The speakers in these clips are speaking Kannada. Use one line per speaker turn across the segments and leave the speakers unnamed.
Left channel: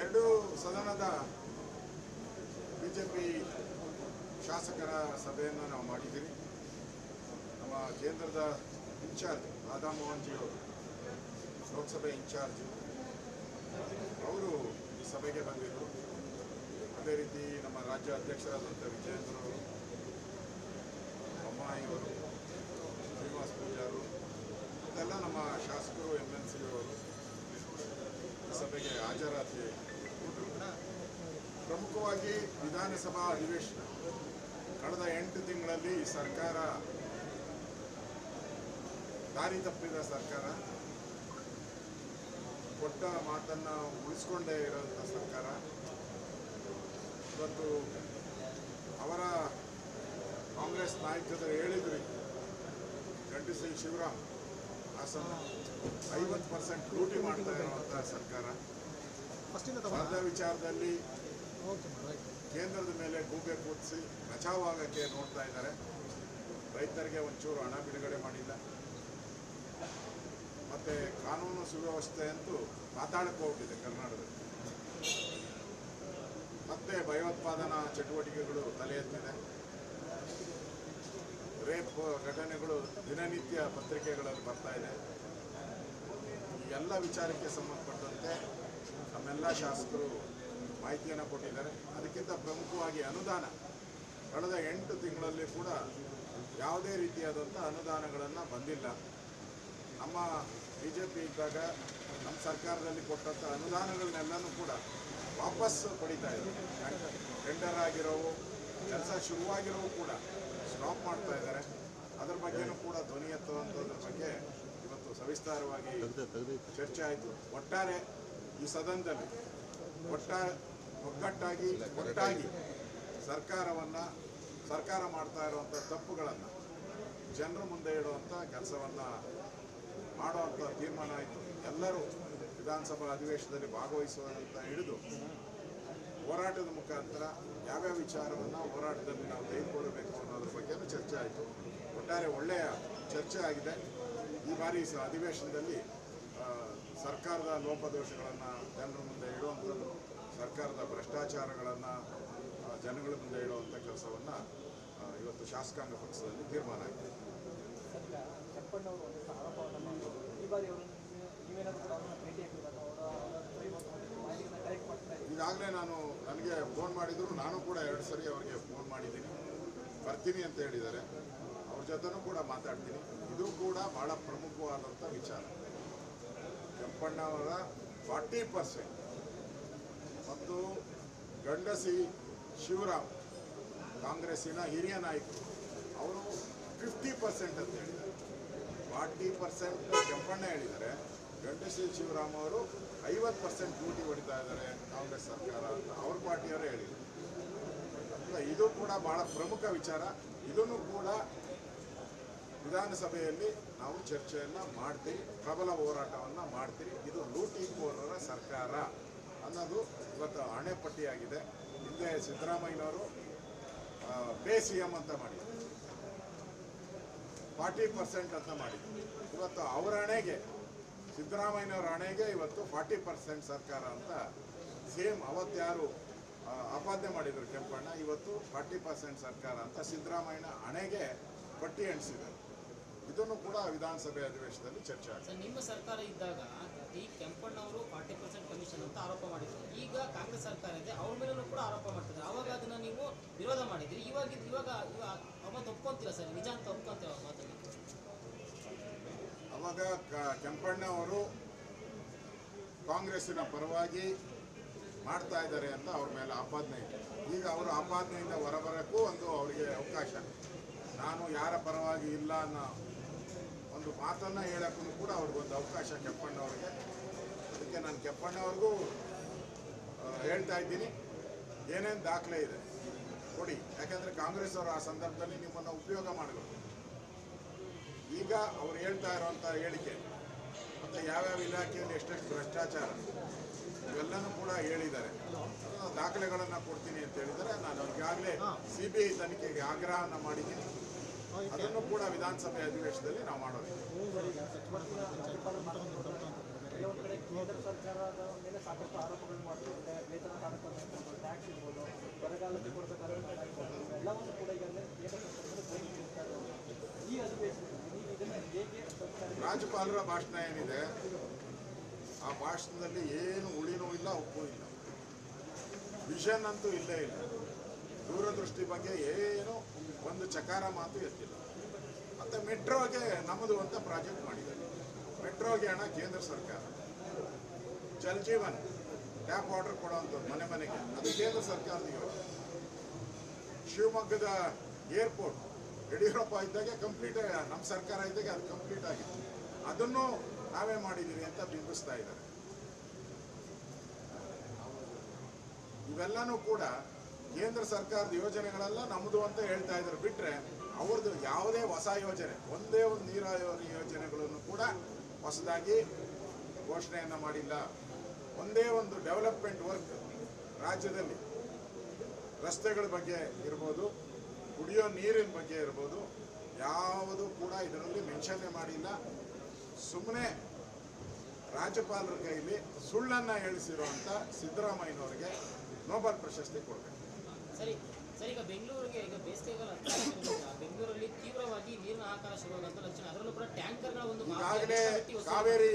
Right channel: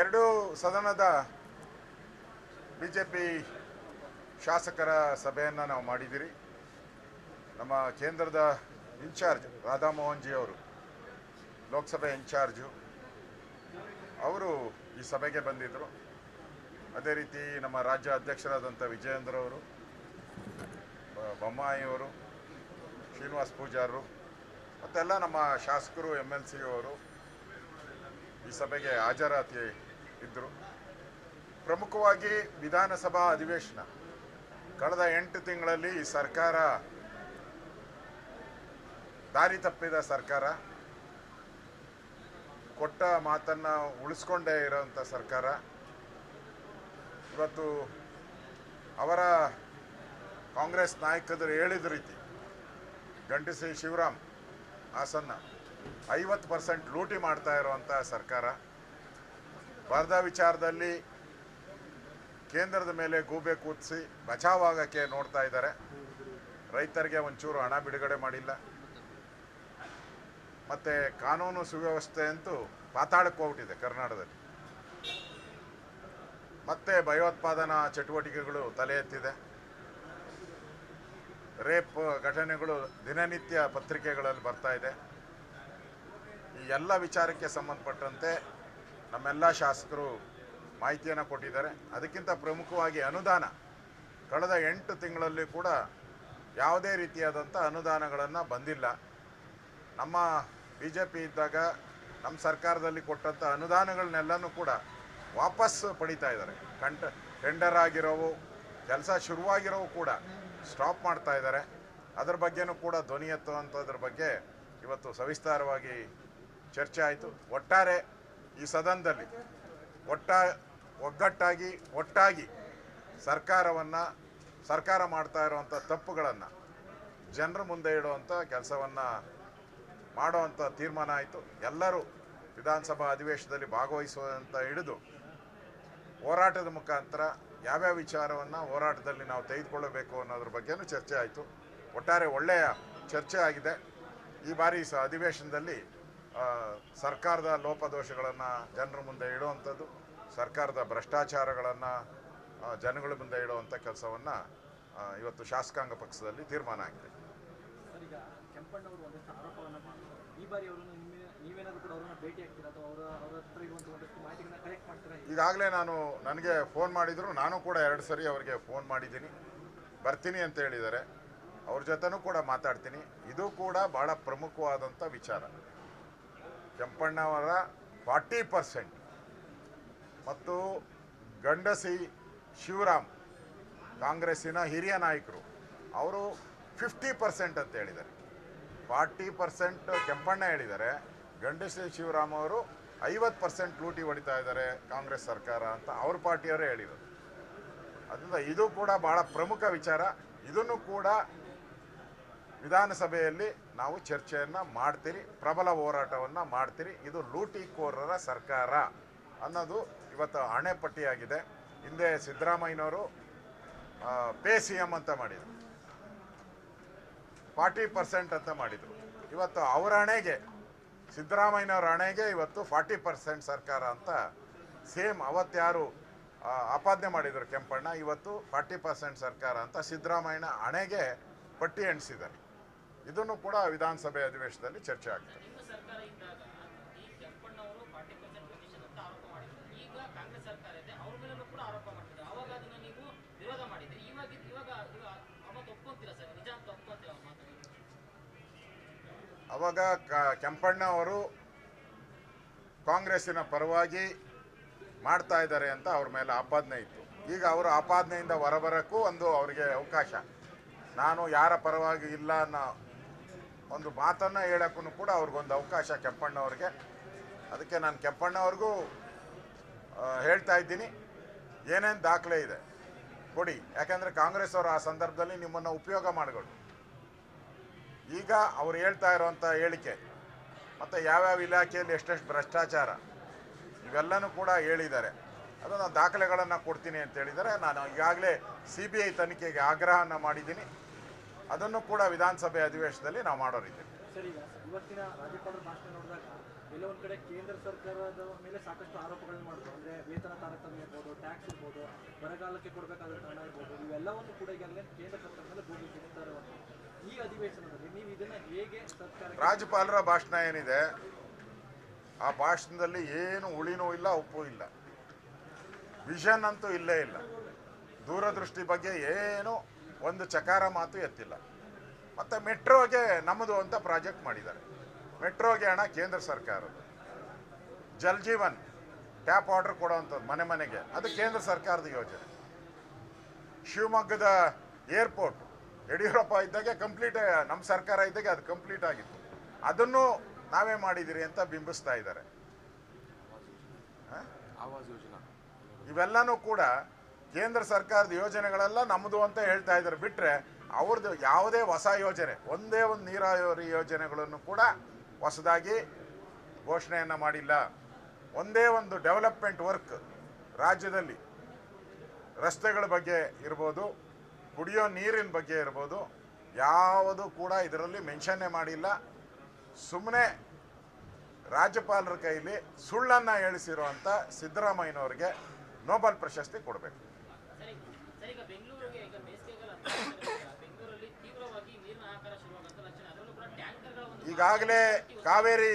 ಎರಡೂ ಸದನದ ಬಿ ಜೆ ಪಿ ಶಾಸಕರ ಸಭೆಯನ್ನು ನಾವು ಮಾಡಿದ್ದೀರಿ. ನಮ್ಮ ಕೇಂದ್ರದ ಇನ್ಚಾರ್ಜ್ ರಾಧಾಮೋಹನ್ ಜಿ ಅವರು, ಲೋಕಸಭೆ ಇನ್ಚಾರ್ಜು, ಅವರು ಈ ಸಭೆಗೆ ಬಂದಿದ್ದರು. ಅದೇ ರೀತಿ ನಮ್ಮ ರಾಜ್ಯ ಅಧ್ಯಕ್ಷರಾದಂಥ ವಿಜಯೇಂದ್ರ ಅವರು, ಬೊಮ್ಮಾಯಿ ಅವರು, ಶ್ರೀನಿವಾಸ್ ಪೂಜಾರರು, ಮತ್ತೆಲ್ಲ ನಮ್ಮ ಶಾಸಕರು ಎಂ ಎಲ್ ಸಿ ಅವರು ಸಭೆಗೆ ಹಾಜರಾತಿ ಇದ್ದರು ಪ್ರಮುಖವಾಗಿ ವಿಧಾನಸಭಾ ಅಧಿವೇಶನ. ಕಳೆದ ಎಂಟು ತಿಂಗಳಲ್ಲಿ ಸರ್ಕಾರ ದಾರಿ ತಪ್ಪಿದ ಸರ್ಕಾರ. ಕೊಟ್ಟ ಮಾತನ್ನ ಉಳಿಸ್ಕೊಂಡೇ ಇರೋಂಥ ಸರ್ಕಾರ. ಇವತ್ತು ಅವರ ಕಾಂಗ್ರೆಸ್ ನಾಯಕರು ಹೇಳಿದ ರೀತಿ ಗಂಟಿಸಿ ಶಿವರಾಮ್ ಹಾಸನ್ನ ಐವತ್ತು ಪರ್ಸೆಂಟ್ ಲೂಟಿ ಮಾಡ್ತಾ ಇರುವಂಥ ಸರ್ಕಾರ. ಸ್ಪರ್ಧಾ ವಿಚಾರದಲ್ಲಿ ಕೇಂದ್ರದ ಮೇಲೆ ಗೂಬೆ ಕೂದಿಸಿ ಬಚಾವಾಗೋಕ್ಕೆ ನೋಡ್ತಾ ಇದ್ದಾರೆ. ರೈತರಿಗೆ ಒಂಚೂರು ಹಣ ಬಿಡುಗಡೆ ಮಾಡಿಲ್ಲ. ಮತ್ತೆ ಕಾನೂನು ಸುವ್ಯವಸ್ಥೆ ಅಂತೂ ಪಾತಾಳಕ್ಕೆ ಹೋಗ್ಬಿಟ್ಟಿದೆ ಕರ್ನಾಟಕದಲ್ಲಿ. ಮತ್ತೆ ಭಯೋತ್ಪಾದನಾ ಚಟುವಟಿಕೆಗಳು ತಲೆ ಎತ್ತಿದೆ. ರೇಪ್ ಘಟನೆಗಳು ದಿನನಿತ್ಯ ಪತ್ರಿಕೆಗಳಲ್ಲಿ ಬರ್ತಾ ಇದೆ. ಈ ಎಲ್ಲ ವಿಚಾರಕ್ಕೆ ಸಂಬಂಧಪಟ್ಟಂತೆ ನಮ್ಮೆಲ್ಲ ಶಾಸಕರು ಮಾಹಿತಿಯನ್ನು ಕೊಟ್ಟಿದ್ದಾರೆ. ಅದಕ್ಕಿಂತ ಪ್ರಮುಖವಾಗಿ ಅನುದಾನ. ಕಳೆದ ಎಂಟು ತಿಂಗಳಲ್ಲಿ ಕೂಡ ಯಾವುದೇ ರೀತಿಯಾದಂಥ ಅನುದಾನಗಳನ್ನು ಬಂದಿಲ್ಲ. ನಮ್ಮ ಬಿ ಜೆ ಪಿ ಇದ್ದಾಗ ನಮ್ಮ ಸರ್ಕಾರದಲ್ಲಿ ಕೊಟ್ಟಂಥ ಅನುದಾನಗಳನ್ನೆಲ್ಲನೂ ಕೂಡ ವಾಪಸ್ ಪಡಿತಾ ಇದ್ದಾರೆ. ಕಂಟ ಟೆಂಡರ್ ಆಗಿರೋವು, ಕೆಲಸ ಶುರುವಾಗಿರೋವು ಕೂಡ ಸ್ಟಾಪ್ ಮಾಡ್ತಾ ಇದ್ದಾರೆ. ಅದರ ಬಗ್ಗೆನೂ ಕೂಡ ಧ್ವನಿ ಎತ್ತುವಂಥದ್ರ ಬಗ್ಗೆ ಇವತ್ತು ಸವಿಸ್ತಾರವಾಗಿ ಚರ್ಚೆ ಆಯಿತು. ಒಟ್ಟಾರೆ ಈ ಸದನದಲ್ಲಿ ಒಟ್ಟ, ಒಗ್ಗಟ್ಟಾಗಿ, ಒಟ್ಟಾಗಿ ಸರ್ಕಾರವನ್ನು, ಸರ್ಕಾರ ಮಾಡ್ತಾ ಇರುವಂಥ ತಪ್ಪುಗಳನ್ನು ಜನರ ಮುಂದೆ ಇಡುವಂಥ ಕೆಲಸವನ್ನು ಮಾಡುವಂಥ ತೀರ್ಮಾನ ಆಯಿತು. ಎಲ್ಲರೂ ವಿಧಾನಸಭಾ ಅಧಿವೇಶನದಲ್ಲಿ ಭಾಗವಹಿಸುವಂತ ಹಿಡಿದು ಹೋರಾಟದ ಮುಖಾಂತರ ಯಾವ್ಯಾವ ವಿಚಾರವನ್ನು ಹೋರಾಟದಲ್ಲಿ ನಾವು ತೆಗೆದುಕೊಳ್ಳಬೇಕು ಅನ್ನೋದ್ರ ಬಗ್ಗೆನೂ ಚರ್ಚೆ ಆಯಿತು. ಒಟ್ಟಾರೆ ಒಳ್ಳೆಯ ಚರ್ಚೆ ಆಗಿದೆ. ಈ ಬಾರಿ ಸ ಅಧಿವೇಶನದಲ್ಲಿ ಸರ್ಕಾರದ ಲೋಪದೋಷಗಳನ್ನು ಜನರ ಮುಂದೆ ಇಡುವಂಥದ್ದು, ಸರ್ಕಾರದ ಭ್ರಷ್ಟಾಚಾರಗಳನ್ನು ಜನಗಳ ಮುಂದೆ ಇಡುವಂಥ ಕೆಲಸವನ್ನು ಇವತ್ತು ಶಾಸಕಾಂಗ ಪಕ್ಷದಲ್ಲಿ ತೀರ್ಮಾನ ಆಗಿದೆ.
ಈ ಬಾರಿ ಅವರು ನೀವೇನಾದರೂ ಕೂಡ ಅವರನ್ನ ಅವರ ಹತ್ರ ಇವತ್ತು ಒಂದಷ್ಟು ಮಾಹಿತಿಗಳನ್ನ ಕಲೆಕ್ಟ್ ಮಾಡ್ತೀರಾ
ಈಗಾಗಲೇ ನಾನು ನನಗೆ ಫೋನ್ ಮಾಡಿದ್ರು, ನಾನು ಕೂಡ ಎರಡು ಸರಿ ಅವರಿಗೆ ಫೋನ್ ಮಾಡಿದ್ದೀನಿ. ಬರ್ತೀನಿ ಅಂತ ಹೇಳಿದ್ದಾರೆ. ಅವ್ರ ಜೊತೆನೂ ಕೂಡ ಮಾತಾಡ್ತೀನಿ. ಇದು ಕೂಡ ಬಹಳ ಪ್ರಮುಖವಾದಂಥ ವಿಚಾರ. ಕೆಂಪಣ್ಣವರ ಫಾರ್ಟಿ ಪರ್ಸೆಂಟ್ ಮತ್ತು ಗಂಡಸಿ ಶಿವರಾಮ್, ಕಾಂಗ್ರೆಸ್ಸಿನ ಹಿರಿಯ ನಾಯಕರು, ಅವರು ಫಿಫ್ಟಿ ಪರ್ಸೆಂಟ್ ಅಂತ ಹೇಳಿದ್ದಾರೆ. ಫಾರ್ಟಿ ಪರ್ಸೆಂಟ್ ಕೆಂಪಣ್ಣ ಹೇಳಿದ್ದಾರೆ. ಗಂಡಸಿ ಶಿವರಾಮ್ ಅವರು ಐವತ್ತು ಪರ್ಸೆಂಟ್ ಲೂಟಿ ಹೊಡಿತಾ ಇದ್ದಾರೆ ಕಾಂಗ್ರೆಸ್ ಸರ್ಕಾರ ಅಂತ ಅವ್ರ ಪಾರ್ಟಿಯವರೇ ಹೇಳಿದರು. ಅದರಿಂದ ಇದು ಕೂಡ ಬಹಳ ಪ್ರಮುಖ ವಿಚಾರ. ಇದನ್ನು ಕೂಡ ವಿಧಾನಸಭೆಯಲ್ಲಿ ನಾವು ಚರ್ಚೆಯನ್ನು ಮಾಡ್ತೀರಿ, ಪ್ರಬಲ ಹೋರಾಟವನ್ನು ಮಾಡ್ತೀರಿ. ಇದು ಲೂಟಿಕೋರರ ಸರ್ಕಾರ ಅನ್ನೋದು ಇವತ್ತು ಆಣೆಪಟ್ಟಿಯಾಗಿದೆ. ಹಿಂದೆ ಸಿದ್ದರಾಮಯ್ಯನವರು ಪೇ ಸಿ ಎಂ ಅಂತ ಮಾಡಿದರು. ಫಾರ್ಟಿ ಪರ್ಸೆಂಟ್ ಅಂತ ಮಾಡಿದರು. ಇವತ್ತು ಅವರ ಹಣೆಗೆ ಸಿದ್ದರಾಮಯ್ಯನವರ ಹಣೆಗೆ ಇವತ್ತು ಫಾರ್ಟಿ ಪರ್ಸೆಂಟ್ ಸರ್ಕಾರ ಅಂತ ಸೇಮ್ ಅವತ್ತ್ಯಾರು ಆಪಾದನೆ ಮಾಡಿದರು ಕೆಂಪಣ್ಣ, ಇವತ್ತು ಫಾರ್ಟಿ ಪರ್ಸೆಂಟ್ ಸರ್ಕಾರ ಅಂತ ಸಿದ್ದರಾಮಯ್ಯನ ಹಣೆಗೆ ಪಟ್ಟಿ ಎಣಿಸಿದರು ಇದನ್ನು ಕೂಡ ವಿಧಾನಸಭೆ ಅಧಿವೇಶನದಲ್ಲಿ ಚರ್ಚೆ ಆಗಿದೆ
ಸರ್, ನಿಮ್ಮ ಸರ್ಕಾರ ಇದ್ದಾಗ ಈ ಕೆಂಪಣ್ಣವರು ಫಾರ್ಟಿ ಪರ್ಸೆಂಟ್ ಕಮಿಷನ್ ಅಂತ ಆರೋಪ ಮಾಡಿದ್ರು ಈಗ ಕಾಂಗ್ರೆಸ್ ಸರ್ಕಾರ ಇದೆ ಅವ್ರ ಮೇಲೂ ಕೂಡ ಆರೋಪ ಮಾಡ್ತಿದ್ರು ಆವಾಗ ಅದನ್ನ ನೀವು ವಿರೋಧ ಮಾಡಿದ್ರಿ ಇವಾಗ ಇವಾಗ ಇವಾಗ ಅವ್ರನ್ನ ಒಪ್ಕೊಂತೀರಾ ಸರ್ ನಿಜ ಅಂತ ಒಪ್ಕೊಂತೀರ ಮಾತನ್ನ
ಅವಾಗ ಕೆಂಪಣ್ಣ ಅವರು ಕಾಂಗ್ರೆಸ್ಸಿನ ಪರವಾಗಿ ಮಾಡ್ತಾ ಇದ್ದಾರೆ ಅಂತ ಅವ್ರ ಮೇಲೆ ಆಪಾದನೆ ಇತ್ತು ಈಗ ಅವರು ಆಪಾದನೆಯಿಂದ ಹೊರಬರಕ್ಕೂ ಒಂದು ಅವರಿಗೆ ಅವಕಾಶ. ನಾನು ಯಾರ ಪರವಾಗಿ ಇಲ್ಲ ಅನ್ನೋ ಒಂದು ಮಾತನ್ನು ಹೇಳೋಕ್ಕೂ ಕೂಡ ಅವ್ರಿಗೊಂದು ಅವಕಾಶ ಕೆಂಪಣ್ಣವ್ರಿಗೆ. ಅದಕ್ಕೆ ನಾನು ಕೆಂಪಣ್ಣವ್ರಿಗೂ ಹೇಳ್ತಾ ಇದ್ದೀನಿ. ಏನೇನು ದಾಖಲೆ ಇದೆ? ಕೊಡಿ. ಯಾಕೆಂದರೆ ಕಾಂಗ್ರೆಸ್ ಅವರು ಆ ಸಂದರ್ಭದಲ್ಲಿ ನಿಮ್ಮನ್ನು ಉಪಯೋಗ ಮಾಡಿಕೊಂಡು ಈಗ ಅವ್ರು ಹೇಳ್ತಾ ಇರೋವಂಥ ಹೇಳಿಕೆ ಮತ್ತು ಯಾವ್ಯಾವ ಇಲಾಖೆಯಲ್ಲಿ ಎಷ್ಟೆಷ್ಟು ಭ್ರಷ್ಟಾಚಾರ, ಇವೆಲ್ಲನೂ ಕೂಡ ಹೇಳಿದ್ದಾರೆ. ಅದನ್ನ ನಾನು ದಾಖಲೆಗಳನ್ನು ಕೊಡ್ತೀನಿ ಅಂತ ಹೇಳಿದರೆ ನಾನು ಈಗಾಗಲೇ ಸಿ ಬಿ ಐ ತನಿಖೆಗೆ ಆಗ್ರಹವನ್ನು ಮಾಡಿದ್ದೀನಿ. ಅದನ್ನು ಕೂಡ ವಿಧಾನಸಭೆ ಅಧಿವೇಶನದಲ್ಲಿ ನಾವು
ಮಾಡೋ ರೀತಿ ಸರ್ಕಾರದ ಮೇಲೆ ಸಾಕಷ್ಟು ಆರೋಪಗಳನ್ನು ಮಾಡ್ತಾರೆ ವೇತನ ಕಾರ್ಯಕ್ರಮ ಇರ್ಬೋದು ಟ್ಯಾಕ್ಸ್ ಇರ್ಬೋದು ಬರಗಾಲಕ್ಕೆ
ರಾಜ್ಯಪಾಲರ ಭಾಷಣ ಏನಿದೆ, ಆ ಭಾಷಣದಲ್ಲಿ ಏನು ಉಳಿನೂ ಇಲ್ಲ, ಉಪ್ಪು ಇಲ್ಲ. ವಿಷನ್ ಅಂತೂ ಇಲ್ಲೇ ಇಲ್ಲ. ದೂರದೃಷ್ಟಿ ಬಗ್ಗೆ ಏನು ಒಂದು ಚಕಾರ ಮಾತು ಎತ್ತಿಲ್ಲ. ಮತ್ತೆ ಮೆಟ್ರೋಗೆ ನಮ್ಮದು ಅಂತ ಪ್ರಾಜೆಕ್ಟ್ ಮಾಡಿದ್ದಾರೆ. ಮೆಟ್ರೋಗೆ ಹಣ ಕೇಂದ್ರ ಸರ್ಕಾರ. ಜಲ್ ಜೀವನ್ ಟ್ಯಾಪ್ ವಾಟರ್ ಕೊಡುವಂಥದ್ದು ಮನೆ ಮನೆಗೆ. ಅದು ಕೇಂದ್ರ ಸರ್ಕಾರದ ಯೋಜನೆ. ಶಿವಮೊಗ್ಗದ ಏರ್ಪೋರ್ಟ್ ಯಡಿಯೂರಪ್ಪ ಇದ್ದಾಗೆ ಕಂಪ್ಲೀಟ್, ನಮ್ಮ ಸರ್ಕಾರ ಇದ್ದಾಗೆ ಅದು ಕಂಪ್ಲೀಟ್ ಆಗಿತ್ತು. ಅದನ್ನು ನಾವೇ ಮಾಡಿದಿರಿ ಅಂತ ಬಿಂಬಿಸ್ತಾ ಇದ್ದಾರೆ? ಇವೆಲ್ಲನೂ ಕೂಡ ಕೇಂದ್ರ ಸರ್ಕಾರದ ಯೋಜನೆಗಳೆಲ್ಲ ನಮ್ಮದು ಅಂತ ಹೇಳ್ತಾ ಇದ್ದಾರೆ. ಬಿಟ್ರೆ ಅವ್ರದ್ದು ಯಾವುದೇ ಹೊಸ ಯೋಜನೆ, ಒಂದೇ ಒಂದು ನೀರಾವರಿ ಯೋಜನೆಗಳನ್ನು ಕೂಡ ಹೊಸದಾಗಿ ಘೋಷಣೆಯನ್ನು ಮಾಡಿಲ್ಲ. ಒಂದೇ ಒಂದು ಡೆವಲಪ್ಮೆಂಟ್ ವರ್ಕ್ ರಾಜ್ಯದಲ್ಲಿ ರಸ್ತೆಗಳ ಬಗ್ಗೆ ಇರ್ಬೋದು, ಕುಡಿಯೋ ನೀರಿನ ಬಗ್ಗೆ ಇರ್ಬೋದು, ಯಾವುದು ಕೂಡ ಇದರಲ್ಲಿ ಮೆನ್ಷನ್ನೇ ಮಾಡಿಲ್ಲ. ಸುಮ್ಮನೆ ರಾಜ್ಯಪಾಲರ ಕೈಲಿ ಸುಳ್ಳನ್ನು ಹೇಳಿಸಿರುವಂಥ ಸಿದ್ದರಾಮಯ್ಯನವರಿಗೆ ನೋಬೆಲ್ ಪ್ರಶಸ್ತಿ ಕೊಡಬೇಕು.
ಅಂತ
ಈಗಾಗಲೇ ಕಾವೇರಿ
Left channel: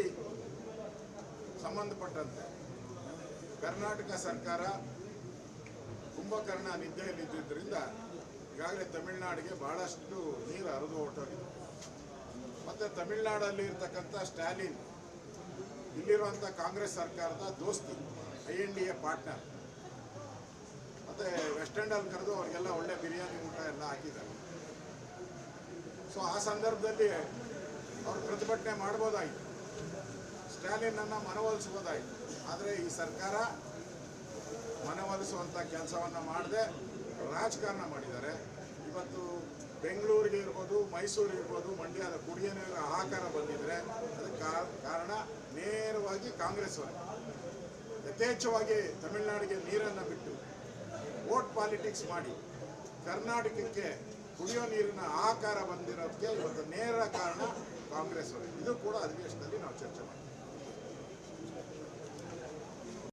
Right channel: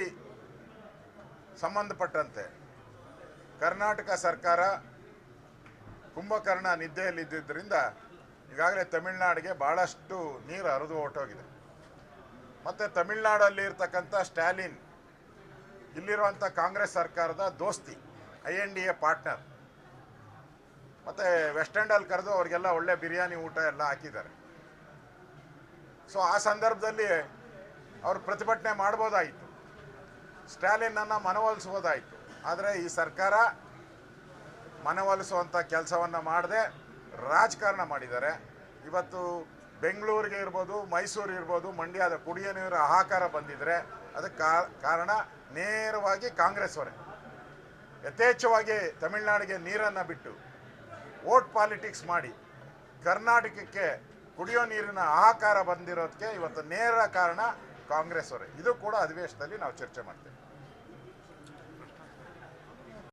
ಸಂಬಂಧಪಟ್ಟಂತೆ ಕರ್ನಾಟಕ ಸರ್ಕಾರ ಕುಂಭಕರ್ಣ ನಿದ್ದೆಯಲ್ಲಿದ್ದರಿಂದ ಈಗಾಗಲೇ ತಮಿಳುನಾಡಿಗೆ ಬಹಳಷ್ಟು ನೀರು ಹರಿದು ಹೊರಟೋಗಿದೆ. ಮತ್ತು ತಮಿಳ್ನಾಡಲ್ಲಿ ಇರ್ತಕ್ಕಂಥ ಸ್ಟ್ಯಾಲಿನ್ ಇಲ್ಲಿರುವಂಥ ಕಾಂಗ್ರೆಸ್ ಸರ್ಕಾರದ ದೋಸ್ತಿ, I N D A partner. ಮತ್ತು ವೆಸ್ಟ್ ಕರೆದು ಅವ್ರಿಗೆಲ್ಲ ಒಳ್ಳೆ ಬಿರಿಯಾನಿ ಊಟ ಎಲ್ಲ ಹಾಕಿದ್ದಾರೆ. ಸೊ, ಆ ಸಂದರ್ಭದಲ್ಲಿ ಅವರು ಪ್ರತಿಭಟನೆ ಮಾಡ್ಬೋದಾಯಿತು. ಸ್ಟ್ಯಾಲಿನನ್ನು ಮನವೊಲಿಸ್ಬೋದಾಯಿತು. ಆದರೆ ಈ ಸರ್ಕಾರ ಮನವೊಲಿಸುವಂಥ ಕೆಲಸವನ್ನು ಮಾಡದೆ ರಾಜಕಾರಣ ಮಾಡಿದ್ದಾರೆ. ಇವತ್ತು ಬೆಂಗಳೂರಿಗೆ ಇರ್ಬೋದು ಮೈಸೂರು ಇರ್ಬೋದು, ಮಂಡ್ಯದ ಕುಡಿಯ ನೀರು ಆಕಾರ ಬಂದಿದ್ರೆ ಅದಕ್ಕೆ ಕಾರಣ ನೇರವಾಗಿ ಕಾಂಗ್ರೆಸ್ ಅವರೇ ಯಥೇಚ್ಛವಾಗಿ ತಮಿಳುನಾಡಿಗೆ ನೀರನ್ನು ಬಿಟ್ಟು ಓಟ್ ಪಾಲಿಟಿಕ್ಸ್ ಮಾಡಿ ಕರ್ನಾಟಕಕ್ಕೆ ಕುಡಿಯೋ ನೀರಿನ ಆಹಾಕಾರ ಬಂದಿರೋದಕ್ಕೆ ಇವತ್ತು ನೇರ ಕಾರಣ ಕಾಂಗ್ರೆಸ್ ಅವರೇ ಇದು ಕೂಡ ಅಧಿವೇಶನದಲ್ಲಿ ನಾವು ಚರ್ಚೆ ಮಾಡ್ತೀವಿ.